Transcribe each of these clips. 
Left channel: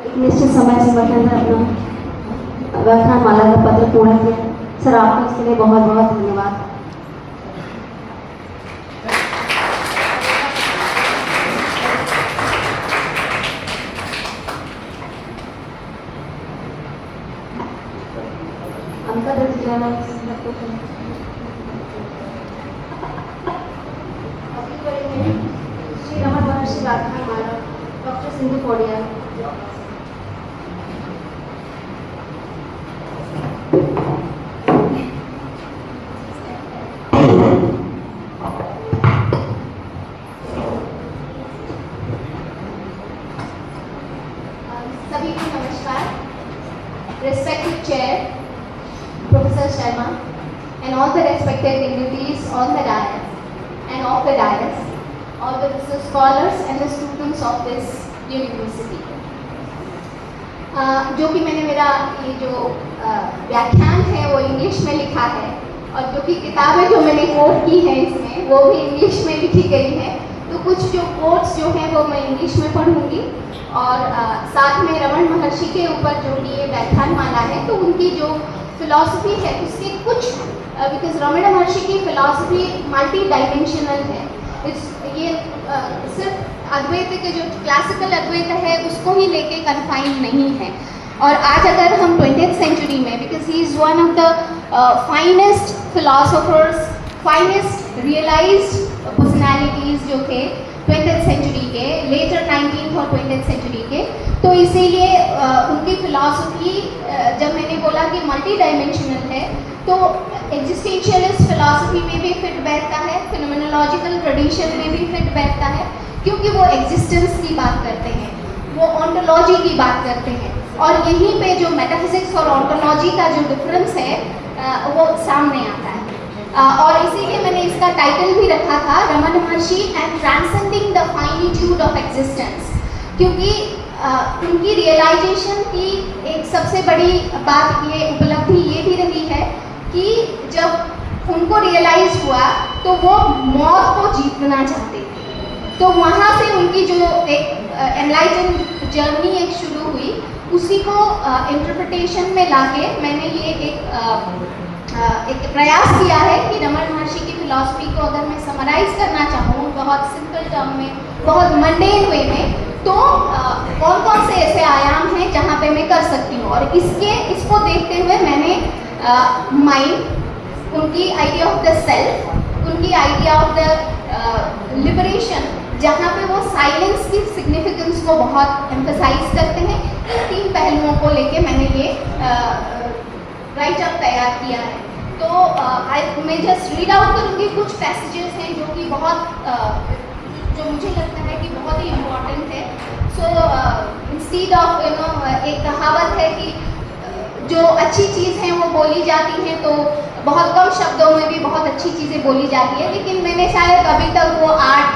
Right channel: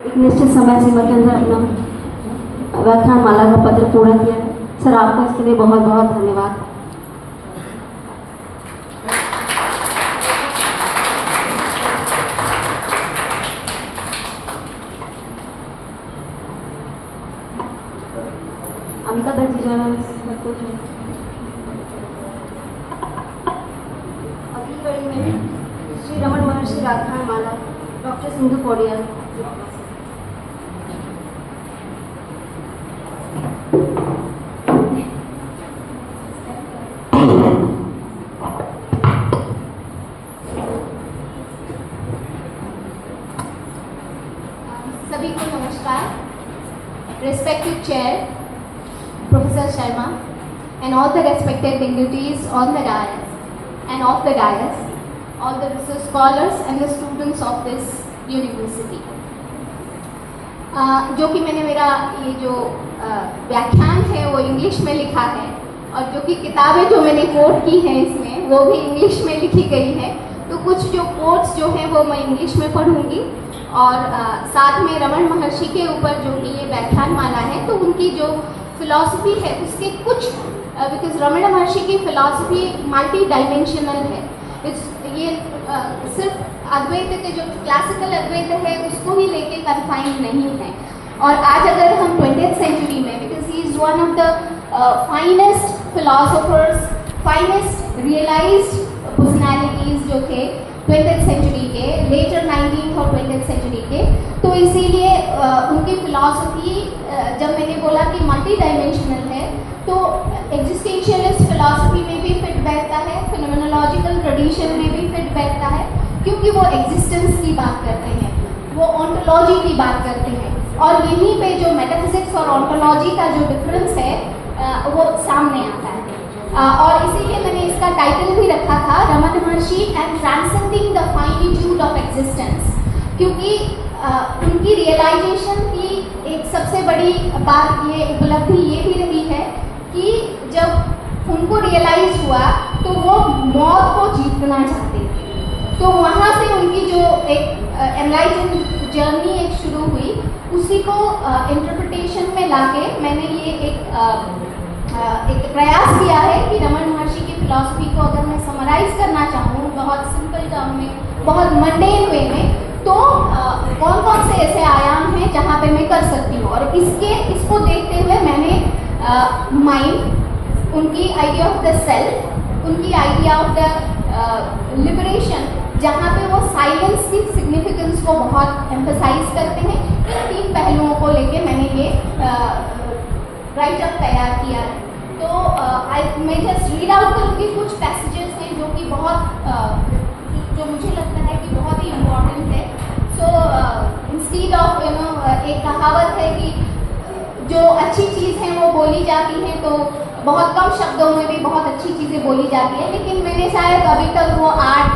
एक निश्चित समय सीमा के अंदर अपना व्याख्यान माला का पत्र पूरा किया। सर आपको इसके लिए बहुत बहुत धन्यवाद। अमिता दत्त जी अगली कड़ी में श्री रमन महर्षि व्याख्यान माला डॉक्टर सिंधु पौड़िया। सभी को नमस्कार। Respected Chair, Professor Sharma, and all the respected dignitaries on the dais and off the dais, all the research scholars and the students of this university. जो कि मैंने मेरा ये जो व्याख्यान है वो इंग्लिश में लिखा है और जो कि किताबें जो मैंने कोट की हैं इसमें वो भी इंग्लिश में लिखी गई है। तो कुछ जो कोट्स जो हैं वो मैं इंग्लिश में पढ़ूंगी और साथ में रमन महर्षि के ऊपर जो कि ये व्याख्यान माला है तो उनकी जो फिलॉसफी है उसके कुछ बिकॉज रमन महर्षि की फिलॉसफी मल्टी डायमेंशनल है। ये सिर्फ अद्वैत के जो क्लासिकल अद्वैत है उसको ही लेके कन्फाइंड नहीं है। और आज अगर हम 20th सेंचुरी में because he is one of the finest philosophers, finest realised personalities जो थे 20th सेंचुरी के, लेटर 19th और 20th सेंचुरी के, तो इसीलिए उनकी फिलॉसफी जब मैंने बोला कि मल्टी डायमेंशनल है तो एग्जिस्टेंशियलिस्ट फिलॉसफी में भी फिट बैठता है, फिनोमेनोलॉजिकल ट्रेडिशन में भी फिट बैठता है क्योंकि वो एग्जिस्टेंस की बात करते हैं, वो ऑन्टोलॉजी की बात करते हैं और यहीं पे जो मेटाफिजिक्स और ऑन्टोलॉजी का जो डिफरेंस है वो सामने आता है। और इसीलिए मैंने इसका टाइटल भी रखा था Raman Maharshi and transcending the finitude of existence, क्योंकि उनकी रियलाइजेशन की एक सबसे बड़ी बात ये उपलब्धि ये भी रही है कि जब उनको रियलाइज हुआ तो वो मौत को जीतना चाहते थे। तो वहाँ से उनकी जो एक एनलाइटन जर्नी एक शुरू हुई, उसी को इंटरप्रिटेशन में लाके मैंने ये एक प्रयास किया है कि रमन महर्षि की फिलॉसफी को अगर मैं समराइज करना चाहूँ बहुत सिंपल टर्म में, बहुत मंडेन वे में, तो कौन कौन से ऐसे आयाम हैं जहाँ पे मैं कर सकती हूँ। और इसको देखते हुए मैंने माइंड, उनकी आइडिया ऑफ द सेल्फ, उनकी आइडिया ऑफ द लिबरेशन, जहाँ पे वो साइलेंस की सिग्निफिकेंस को बहुत एम्फसाइज करते हैं, इन तीन पहलुओं को लेके मैंने ये राइट अप तैयार किया है। तो मैं जस्ट रीड आउट करूँगी, कुछ पैसेजेस हैं जो कि बहुत जो मुझे लगता है कि बहुत ही इम्पोर्टेंट है। सो इंस्टीड ऑफ एक कहावत है कि जो अच्छी चीज़ है वो बोली जाती है, तो बहुत कम शब्दों में भी बहुत अच्छी चीज़ें बोली जाती है, लेकिन मैंने शायद अभी तक वो आर्ट,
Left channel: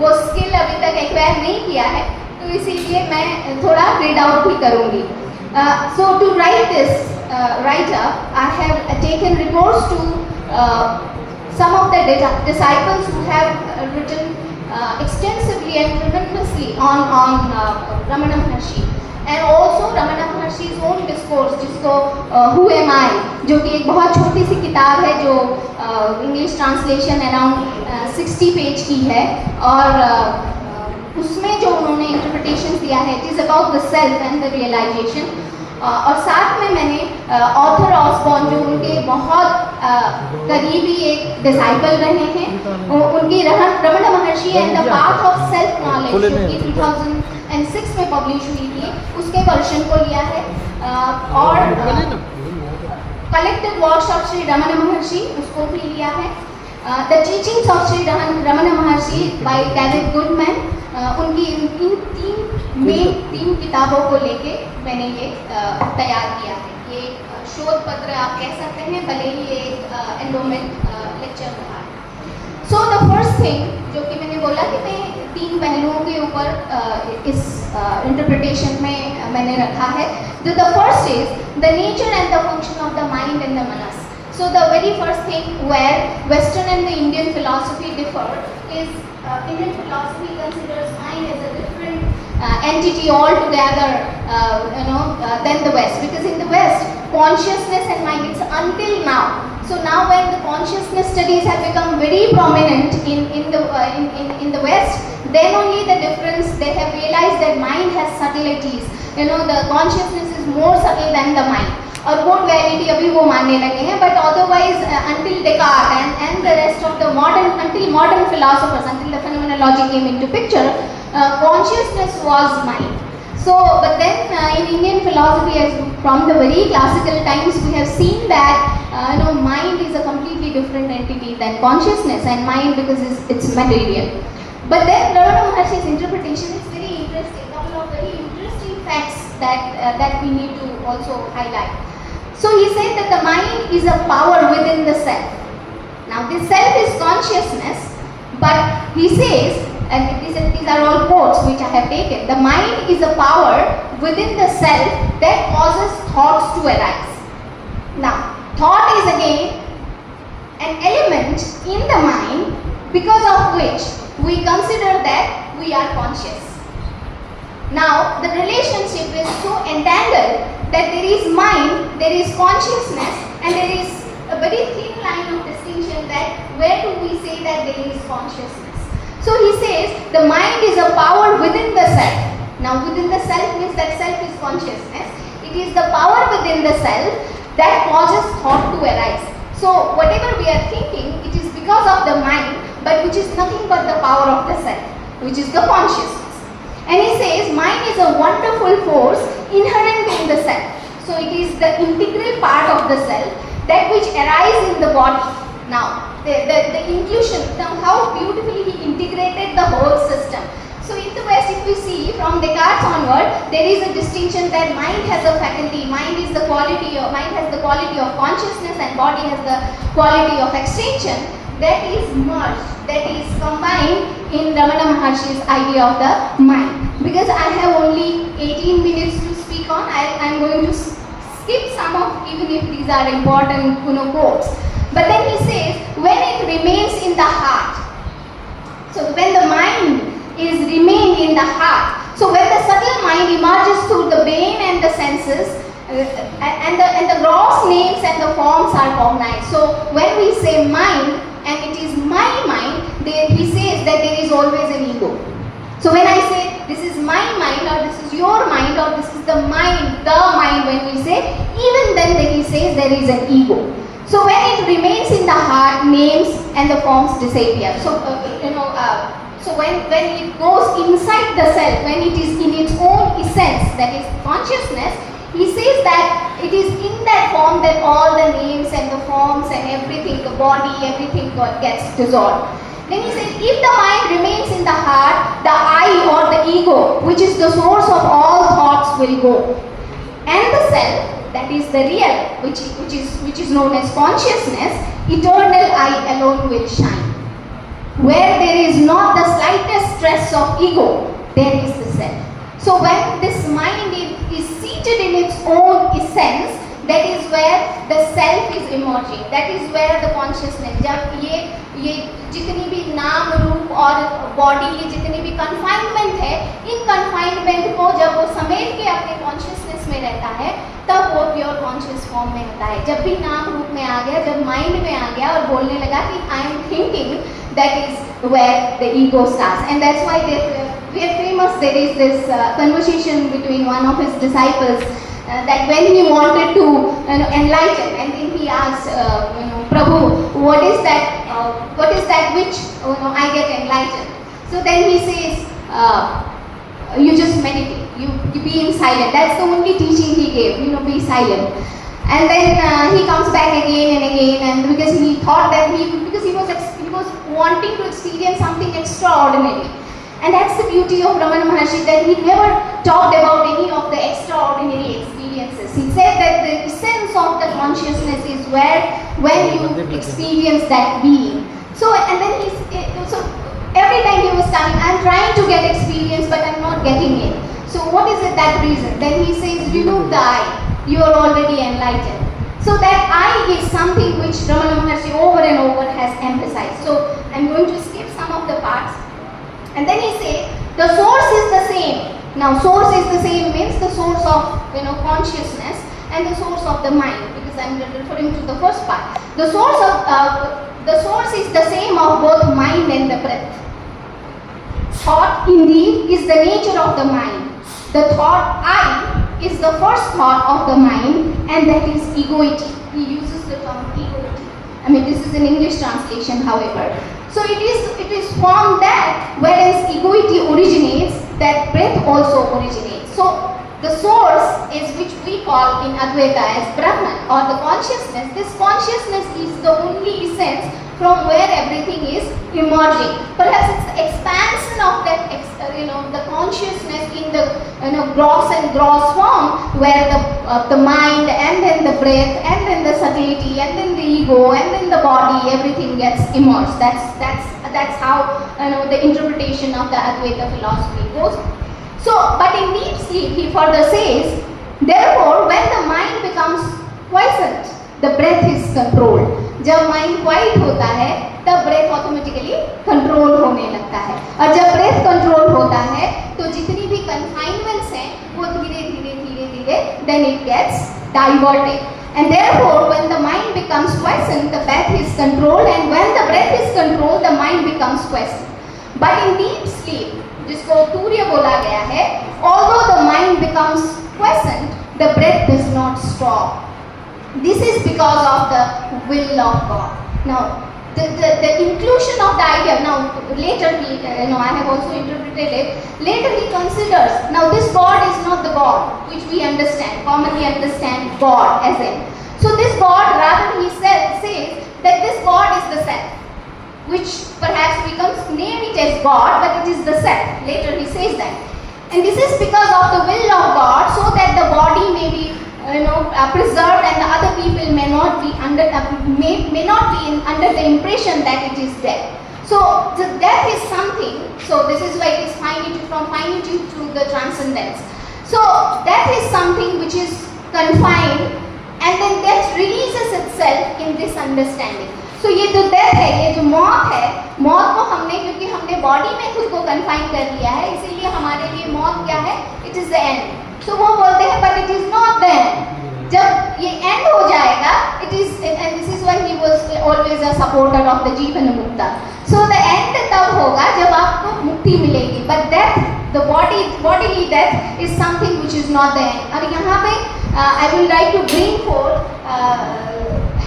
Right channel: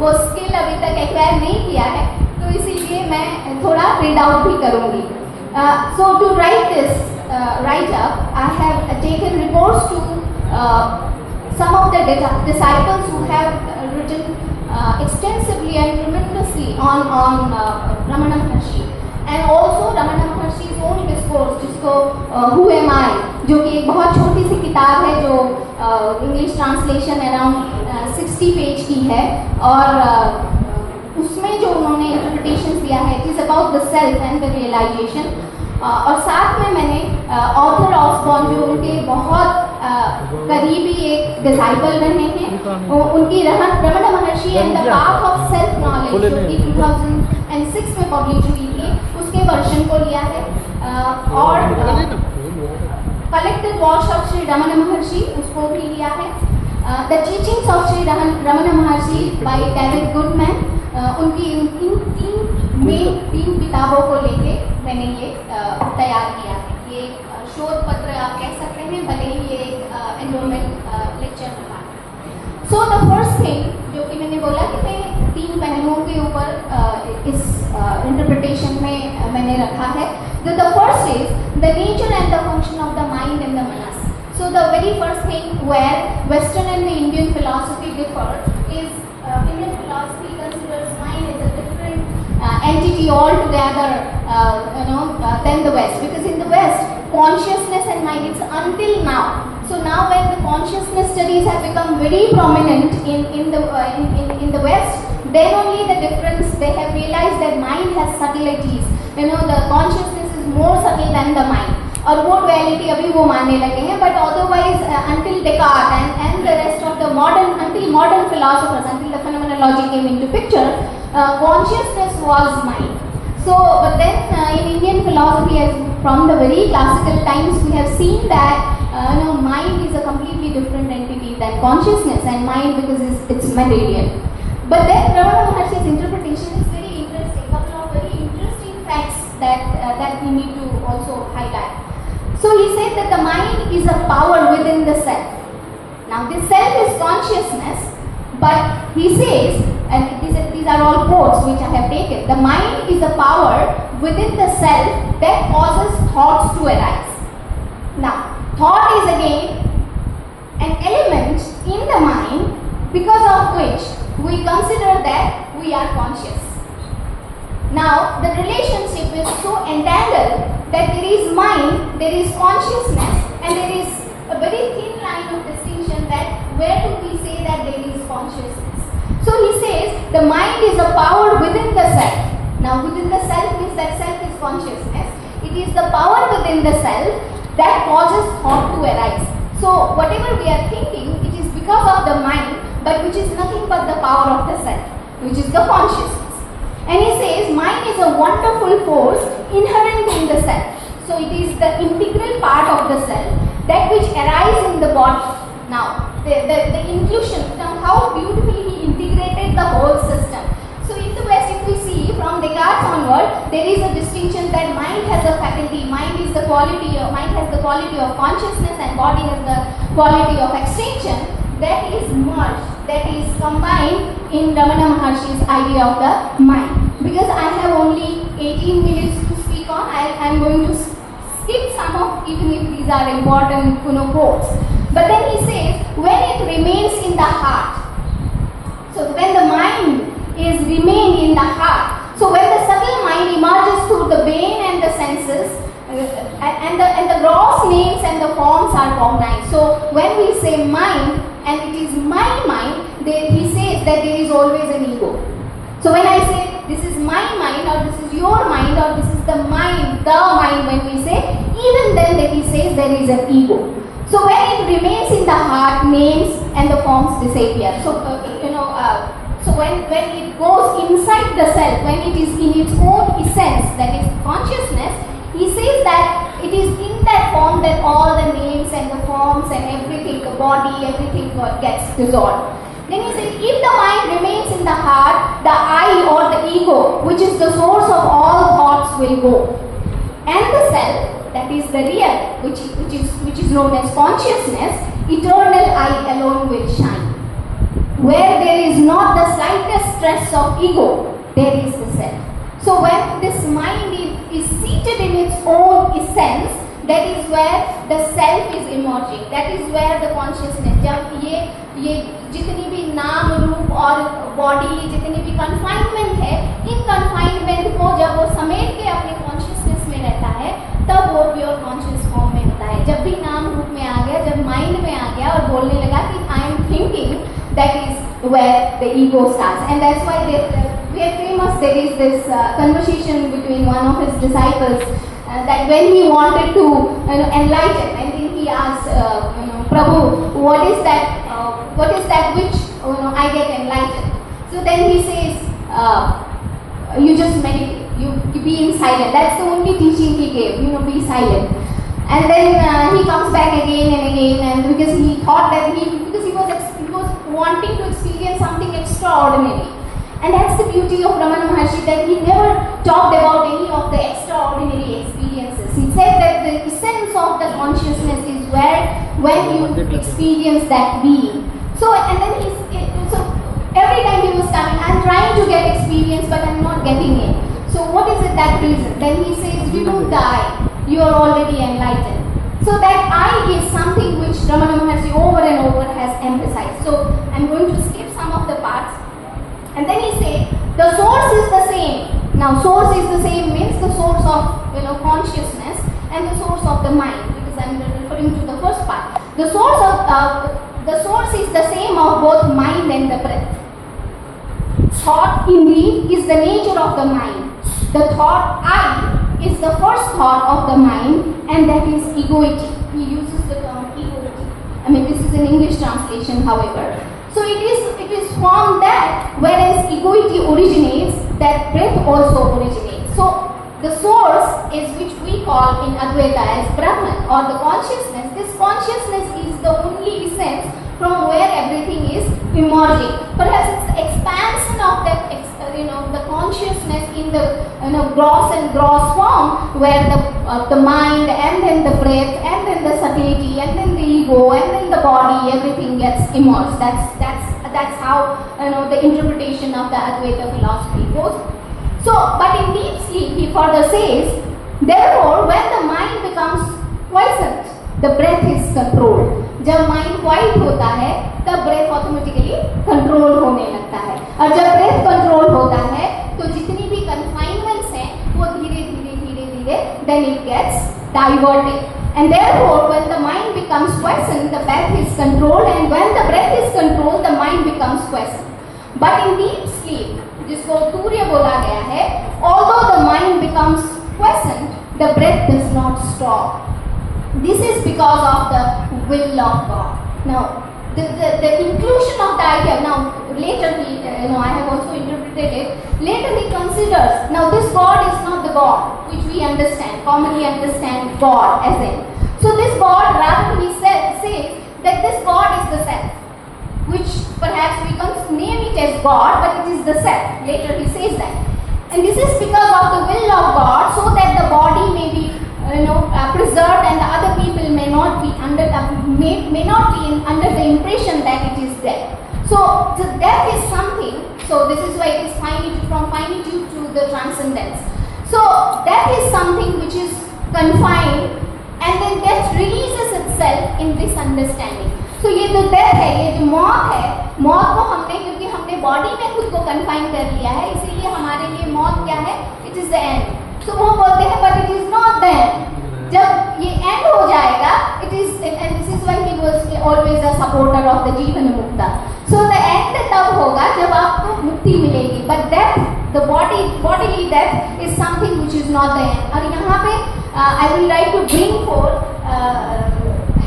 वो स्किल अभी तक एक्वायर नहीं किया है, तो इसीलिए मैं थोड़ा रीड आउट भी करूँगी। So to write this write-up, I have taken recourse to some of the disciples who have written extensively and tremendously on Ramana Maharshi, and also Ramana Maharshi's own discourse, जिसको Who Am I, जो कि एक बहुत छोटी सी किताब है जो English translation around 60 page की है और उसमें जो उन्होंने इंटरप्रिटेशन दिया है, it is about the self and the realisation. और साथ में मैंने ऑथर ऑसबॉर्न जो उनके बहुत करीबी एक डिसाइपल रहे हैं, उनकी Raman Maharshi and the path of self knowledge जो कि 2006 में पब्लिश हुई थी, उसके वर्जन को लिया है। और collective works of Shri Raman महर्षि उसको भी लिया है। The teachings of Shri Raman Maharshi by David Goodman, उनकी इन तीन किताबों को लेके मैंने ये तैयार किया है। ये शोध पत्र आप कह सकते हैं, भले ही ये एक एंडोमेंट लेक्चर रहा है। सो द फर्स्ट थिंग जो कि मैंने बोला कि मैं तीन पहलुओं के ऊपर इस इंटरप्रिटेशन में मैंने रखा है। The first is the nature and the function of the mind and the Manas. So the very first thing where Western and the Indian philosophy differ is Indian philosophy considers mind as a different entity altogether, than the West. Because in the West, consciousness and mind, it's until now. So now when the consciousness studies have become very prominent in the West, then only the difference, they have realized that mind has subtleties. The consciousness is more subtle than the mind. और वो duality अभी वो मानने लगे हैं, but otherwise until Descartes and the rest of the modern philosophers, until the phenomenology came into picture, consciousness was mind. So, but then in Indian philosophy, as from the very classical times, we have seen that mind is a completely different entity than consciousness, and mind because it's material. But then Ramana Maharshi's interpretation is very interesting. Couple of very interesting facts that we need to also highlight. So he said that the mind is a power within the self. Now this self is consciousness, but he says, and these are all quotes which I have taken, the mind is a power within the self that causes thoughts to arise. Now, thought is again an element in the mind because of which we consider that we are conscious. Now, the relationship is so entangled that there is mind, there is consciousness, and there is a very thin line of distinction that where do we say that there is consciousness. So he says the mind is a power within the self. Now within the self means that self is consciousness. It is the power within the self that causes thought to arise. So whatever we are thinking, it is because of the mind, but which is nothing but the power of the self, which is the consciousness. And he says mind is a wonderful force inherent in the self. So it is the integral part of the self that which arises in the body. Now the inclusion, how beautifully he integrated the whole system. So in the West, if we see from Descartes onward, there is a distinction that mind has a faculty, mind has the quality of consciousness, and body has the quality of extension. That is merged, that is combined in Ramana Maharshi's idea of the mind. Because I have only 18 minutes to speak on, I am going to skip some of, even if these are important quotes. But then he says, when it remains in the heart, so when the mind is remained in the heart, so when the subtle mind emerges through the brain and the senses, and the gross names and the forms are cognized. So when we say mind, and it is my mind, he says that there is always an ego. So when I say this is my mind, or this is your mind, or this is the mind, when we say, even then he says there is an ego. So when it remains in the heart, names and the forms disappear. So so when it goes inside the self, when it is in its own essence, that is consciousness, he says that it is in that form that all the names and the forms and everything, the body, everything gets dissolved. Then he says, if the mind remains in the heart, the I or the ego, which is the source of all thoughts, will go. And the self, that is the real, which is known as consciousness, eternal I alone will shine. Where there is not the slightest stress of ego, there is the self. So when this mind is seated in its own essence, that is where the self is emerging. That is where the consciousness, जब ये जितनी भी नाम रूप और body, ये जितनी भी कन्फाइनमेंट है, इन कन्फाइनमेंट को जब वो समेट के अपने कॉन्शियसनेस में रहता है, तब वो प्योर कॉन्शियस फॉर्म में होता है. जब भी नाम रूप में आ गया, जब माइंड में आ गया और बोलने लगा कि I am thinking, that is where the ego starts. And that's why we are famous. There is this conversation between one of his disciples that when he wanted to enlighten, and then he asked Prabhu, what is that which I get enlightened? So then he says, you just meditate, you be in silence. That's the only teaching he gave, be silent. And then he comes back again and again, and because he thought that he was wanting to experience something extraordinary. And that's the beauty of Ramana Maharshi, that he never talked about any of the extraordinary experiences. He said that the essence of the consciousness is when you experience that being. So, and then every time he was coming, I'm trying to get experience, but I'm not getting it. So what is it that reason? Then he says, remove the I. You are already enlightened. So that I is something which Ramana Maharshi over and over has emphasized. So I'm going to skip some of the parts. And then he says, the source is the same. Now source is the same, means the source of consciousness and the source of the mind, because I am referring to the first part. The source is the same of both mind and the breath. Thought indeed is the nature of the mind. The thought I is the first thought of the mind, and that is egoity. He uses the term egoity. I mean, this is an English translation, however. So it is from that, whereas egoity originates, that breath also originates. So the source is, which we call in Advaita as Brahman or the consciousness. This consciousness is the only essence from where everything is emerging. Perhaps it's the expansion of that, the consciousness in the gross and gross form, where the mind and then the breath and then the subtlety and then the ego and then the body, everything gets immersed. That's how the interpretation of the Advaita philosophy goes. So, but in deep sleep, he further says, therefore, when the mind becomes quiescent, the breath is controlled. जब mind quite होता है तब breath automatically control होने लगता है, और जब breath control होता है तो जितनी भी कन्फाइनमेंट्स हैं वो धीरे धीरे then it gets diverted. And therefore, when the mind becomes quiescent, the breath is controlled, and when the breath is controlled, the mind becomes quiescent. But in deep sleep, जिसको तूर्य बोला गया है, although the mind becomes quiescent, the breath does not stop. This is because of the will of God. Now, the inclusion of the idea, now later he, I have also interpreted it, later he considers, now this God is not the God which we understand, commonly understand God as in. So this God, rather he says that this God is the self, which perhaps we can name it as God, but it is the self. Later he says that. And this is because of the will of God, so that the body may be preserved, and the other people may not be under under the impression that it is death. So the death is something. So this is why it is finitude, from finitude to the transcendence. So death is something which is confined, and then death releases itself in this understanding. So ये जो death है, ये जो मौत है, मौत को हमने, क्योंकि हमने बॉडी में खुद को कन्फाइन कर लिया है, इसीलिए हमारे लिए मौत क्या है? It is the end. So वो बोलते हैं, but it is not the end. जब ये end हो जाएगा, it is, and this is why he was always a supporter of the जीवन मुक्ता. So the end तब होगा जब आपको मुक्ति मिलेगी. But death, the bodily death is something which is not the end. और यहाँ पे I would like to bring forth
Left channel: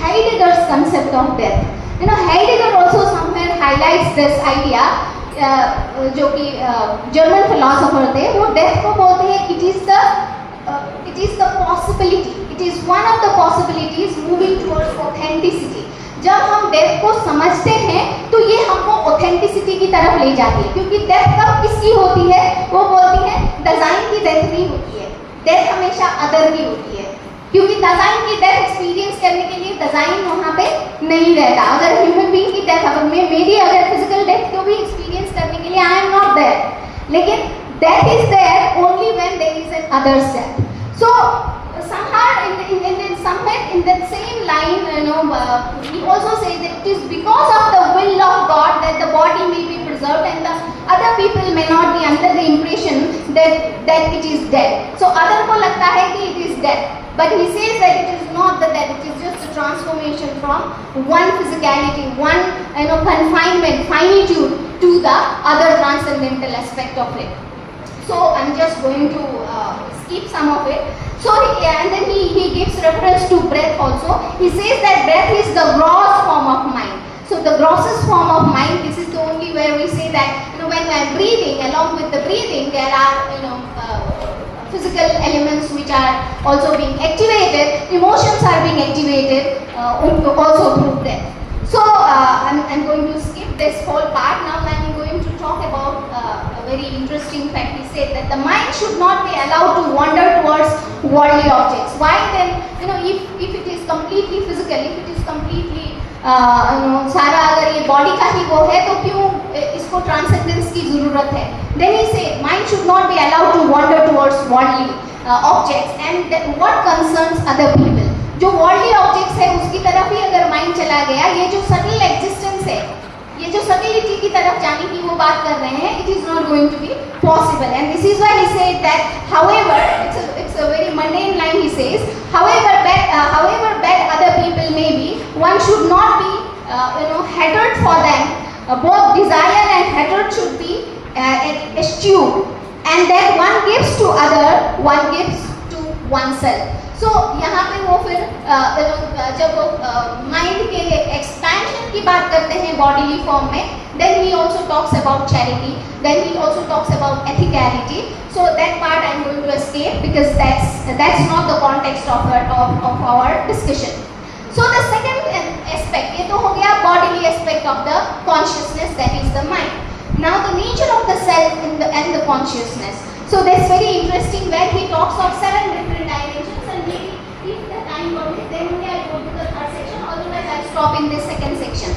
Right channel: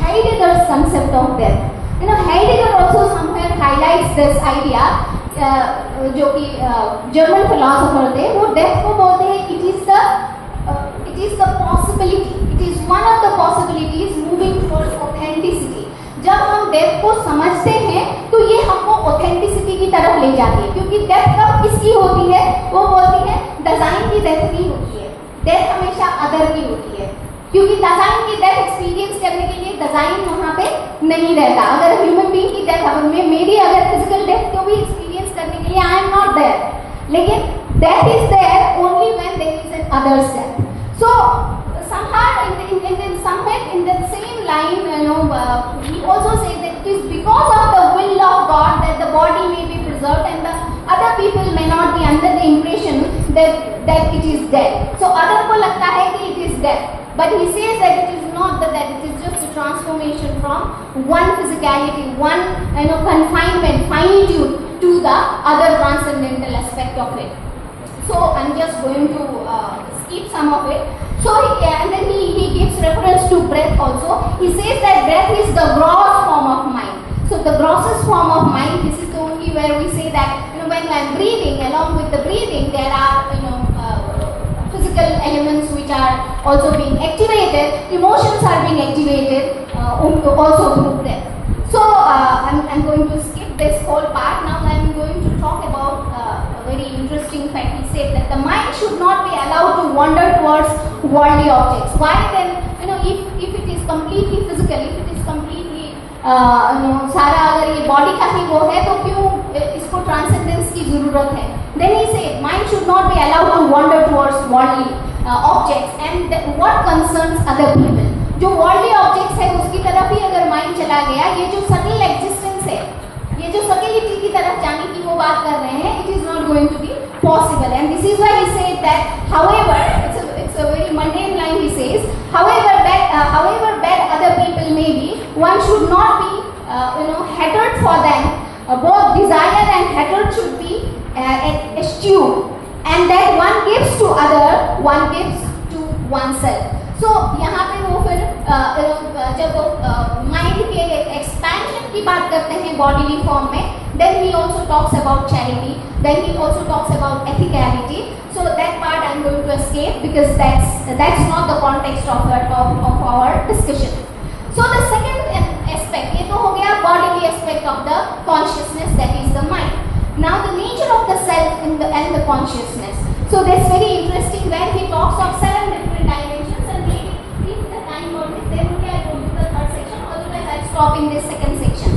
Heidegger's concept of death. Heidegger also somewhere highlights this idea. जो कि जर्मन फिलोसोफर थे, वो डेथ को बोलते हैं it is the possibility, it is one of the possibilities moving towards authenticity. जब हम death को समझते हैं तो ये हमको ऑथेंटिसिटी की तरफ ले जाती है, क्योंकि डेथ कब किसकी होती है? वो बोलती है डिजाइन की डेथ नहीं होती है, डेथ हमेशा अदर की होती है, क्योंकि डिजाइन की डेथ एक्सपीरियंस करने के लिए डिजाइन वहाँ पे नहीं रहता. अगर ह्यूमन बीइंग की डेथ, अगर मेरी अगर फिजिकल डेथ को भी एक्सपीरियंस करने के लिए आई एम नॉट देयर, लेकिन death is there only when there is an others death. So somewhere in that same line, he also says that it is because of the will of God that the body may be preserved, and the other people may not be under the impression that it is dead. So other को लगता है कि it is dead, but he says that it is not the death, it is just a transformation from one physicality, one confinement, finitude, to the other transcendental aspect of it. So I'm just going to skip some of it. So and then he gives reference to breath also. He says that breath is the gross form of mind. So the grossest form of mind, this is the only where we say that when I'm breathing, along with the breathing, there are physical elements which are also being activated, emotions are being activated also through breath. So I'm going to skip this whole part. Now I'm going to talk about a very interesting fact. He said that the mind should not be allowed to wander towards worldly objects. Why then? If it is completely physical, if it is completely सारा अगर ये body का ही वो है, तो क्यों इसको transcendence की जरूरत है? Then he said, mind should not be allowed to wander towards worldly objects, and that what concerns other people. जो वर्ल्डली ऑब्जेक्ट्स है उसकी तरफ ही अगर माइंड चला गया, ये जो सटल एग्जिस्टेंस है, ये जो सकेलिटी की तरफ जाने की वो बात कर रहे हैं, it is not going to be possible. And this is why he said that, however, it's a very mundane line he says, however bad other people may be, one should not be hatred for them. Both desire and hatred should be eschewed, and that one gives to other, one gives to oneself. So यहाँ पे वो फिर जब वो mind के expansion की बात करते हैं बॉडीली फॉर्म में, then he also talks about charity, then he also talks about ethicality. So that part I'm going to escape because that's not the context of our discussion. So the second aspect, ये तो हो गया bodily aspect of the consciousness, that is the mind. Now the nature of the self and the consciousness. So that's very interesting where he talks of 7 different dimensions, and maybe if the time permits, then only I go to the third section. Otherwise, I'll stop in this second section.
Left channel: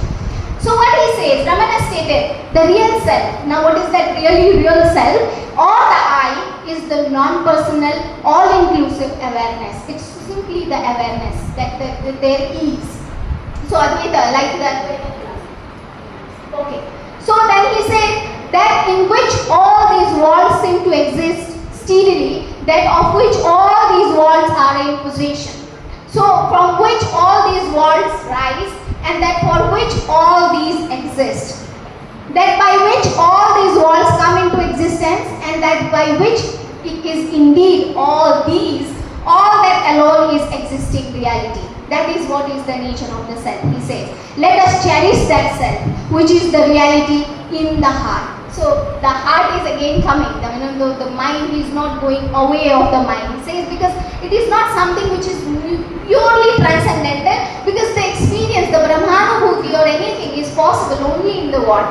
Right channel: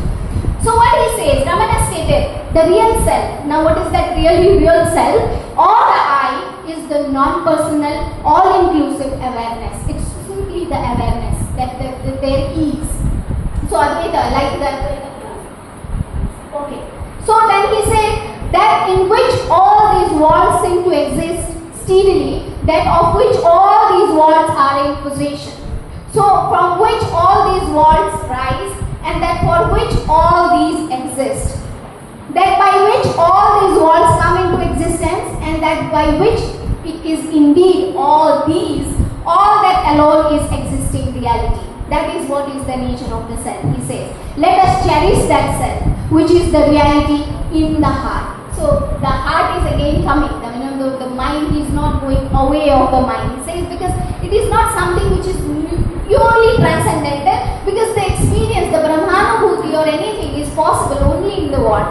So what he says, Ramana stated, the real self. Now what is that really real self? Or the I is the non-personal, all-inclusive awareness. It's simply the awareness that there is. So Advaita, like that. Okay. So then he said that in which all these worlds seem to exist steadily, that of which all these worlds are in possession. So from which all these worlds rise, and that for which all these exist. That by which all these worlds come into existence, and that by which it is indeed all these, all that alone is existing reality. That is what is the nature of the self. He says, let us cherish that self, which is the reality in the heart. So the heart is again coming. The mind is not going away of the mind. He says because it is not something which is purely transcendental, because the experience, the Brahmanubhuti or anything is possible only in the world.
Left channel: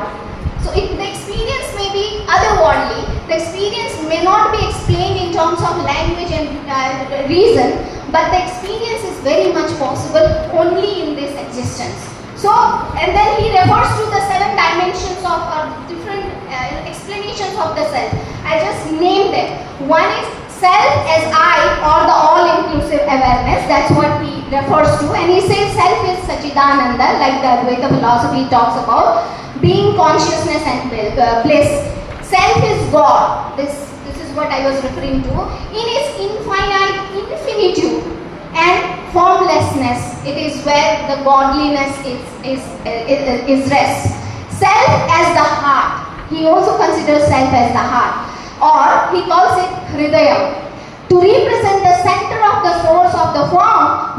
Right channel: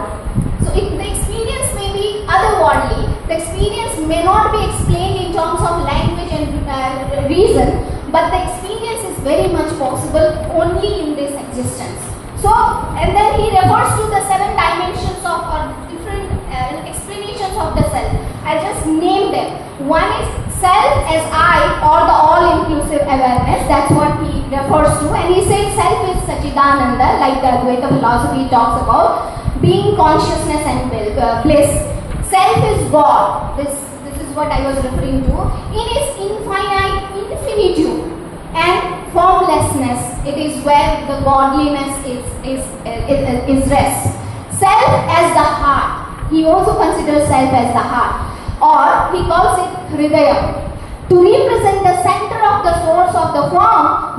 So the experience may be otherworldly. The experience may not be explained in terms of language and reason, but the experience is very much possible only in this existence. So, and then he refers to the 7 dimensions of different explanations of the self. I just named them. One is self as I, or the all-inclusive awareness. That's what he refers to. And he says self is Sachidananda, like the Advaita philosophy talks about, being consciousness and bliss. Self is God. This is what I was referring to. In its infinite infinitude and formlessness, it is where the godliness is rest. Self as the heart. He also considers self as the heart, or he calls it Hridayam, to represent the center of the source of the form,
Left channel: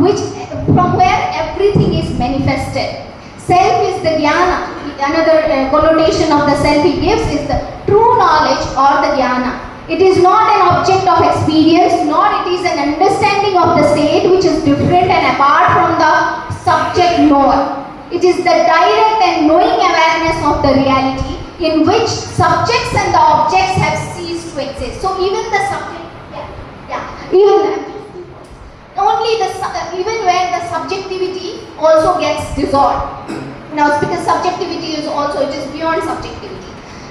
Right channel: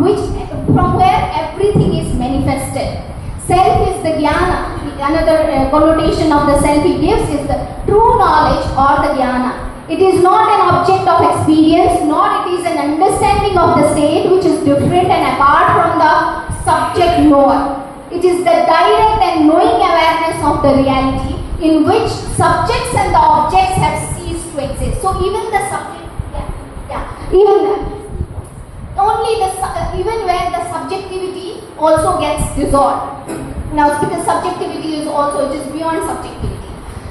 from where everything is manifested. Self is the jnana. Another connotation of the self he gives is the true knowledge or the jnana. It is not an object of experience, nor it is an understanding of the state which is different and apart from the subject knower. It is the direct and knowing awareness of the reality in which subjects and the objects have ceased to exist. So even the subject, even where the subjectivity also gets dissolved. Now, because subjectivity is also, it is beyond subjectivity.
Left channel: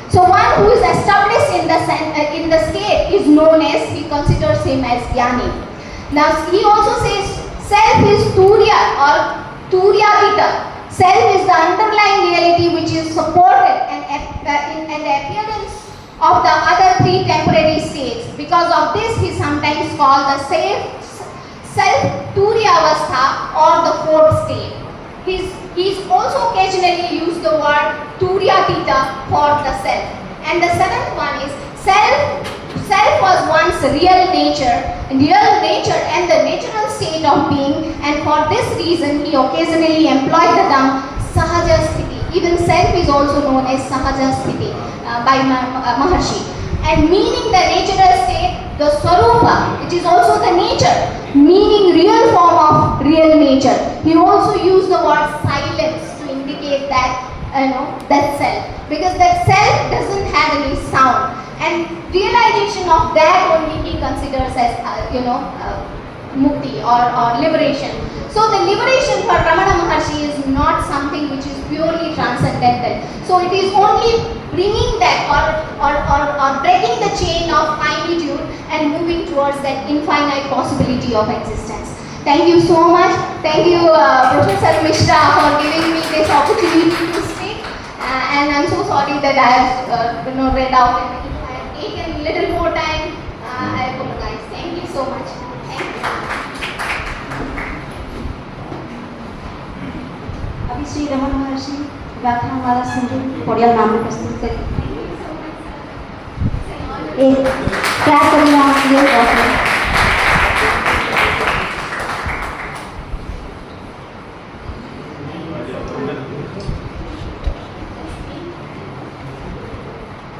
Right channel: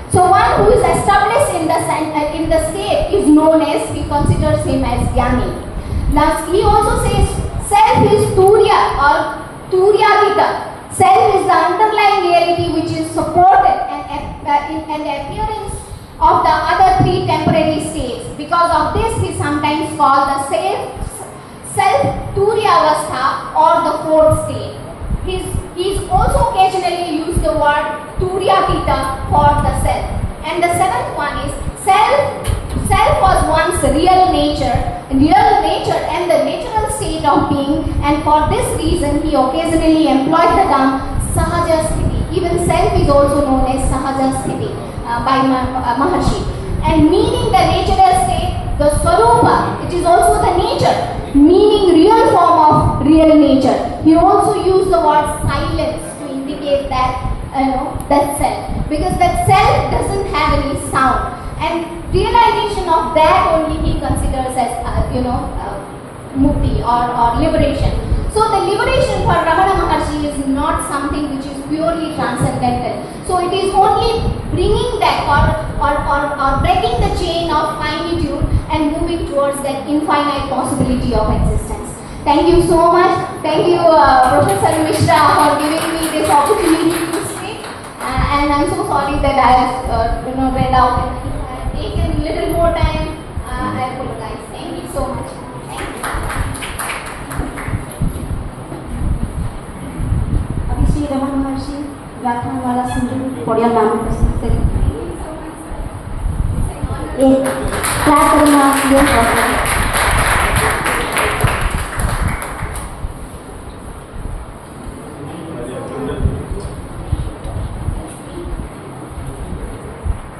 So one who is established in the state is known as, he considers him as Jnani. Now he also says self is Turiya or Turyatita. Self is the underlying reality which is supported and the appearance of the other 3 temporary states. Because of this he is sometimes called the self Turyavastha or the 4th state. He's also occasionally used the word Turyatita for the self. And the 7th one is self was once real nature and the natural state of being, and for this reason he occasionally employed the term Sahaja Sthiti. Even self is also known as Sahaja Sthiti by Maharshi. And meaning the natural state, the Swarupa, it is also the nature, meaning real form of real nature. He also used the word silence to indicate that, that self. Because that self doesn't have any sound. And realization of that only he considers as, mukti or liberation. So the liberation for Ramana Maharshi is not something which is purely transcendental. So it is only bringing that or breaking the chain of finitude and moving towards that infinite possibility of existence. Thank you so much. Thank you, Professor Mishra, for giving me this opportunity to speak. and I'm so sorry that I have read out and if I have taken little more time, I apologize. Thank you so much. Thank you. अभी श्री रमन महर्षि व्याख्यान वाला सिंधु थोड़ा नाम प्रस्तुत करें। Thank you so much, sir. It's an honor. एक clap करेंगे आप ये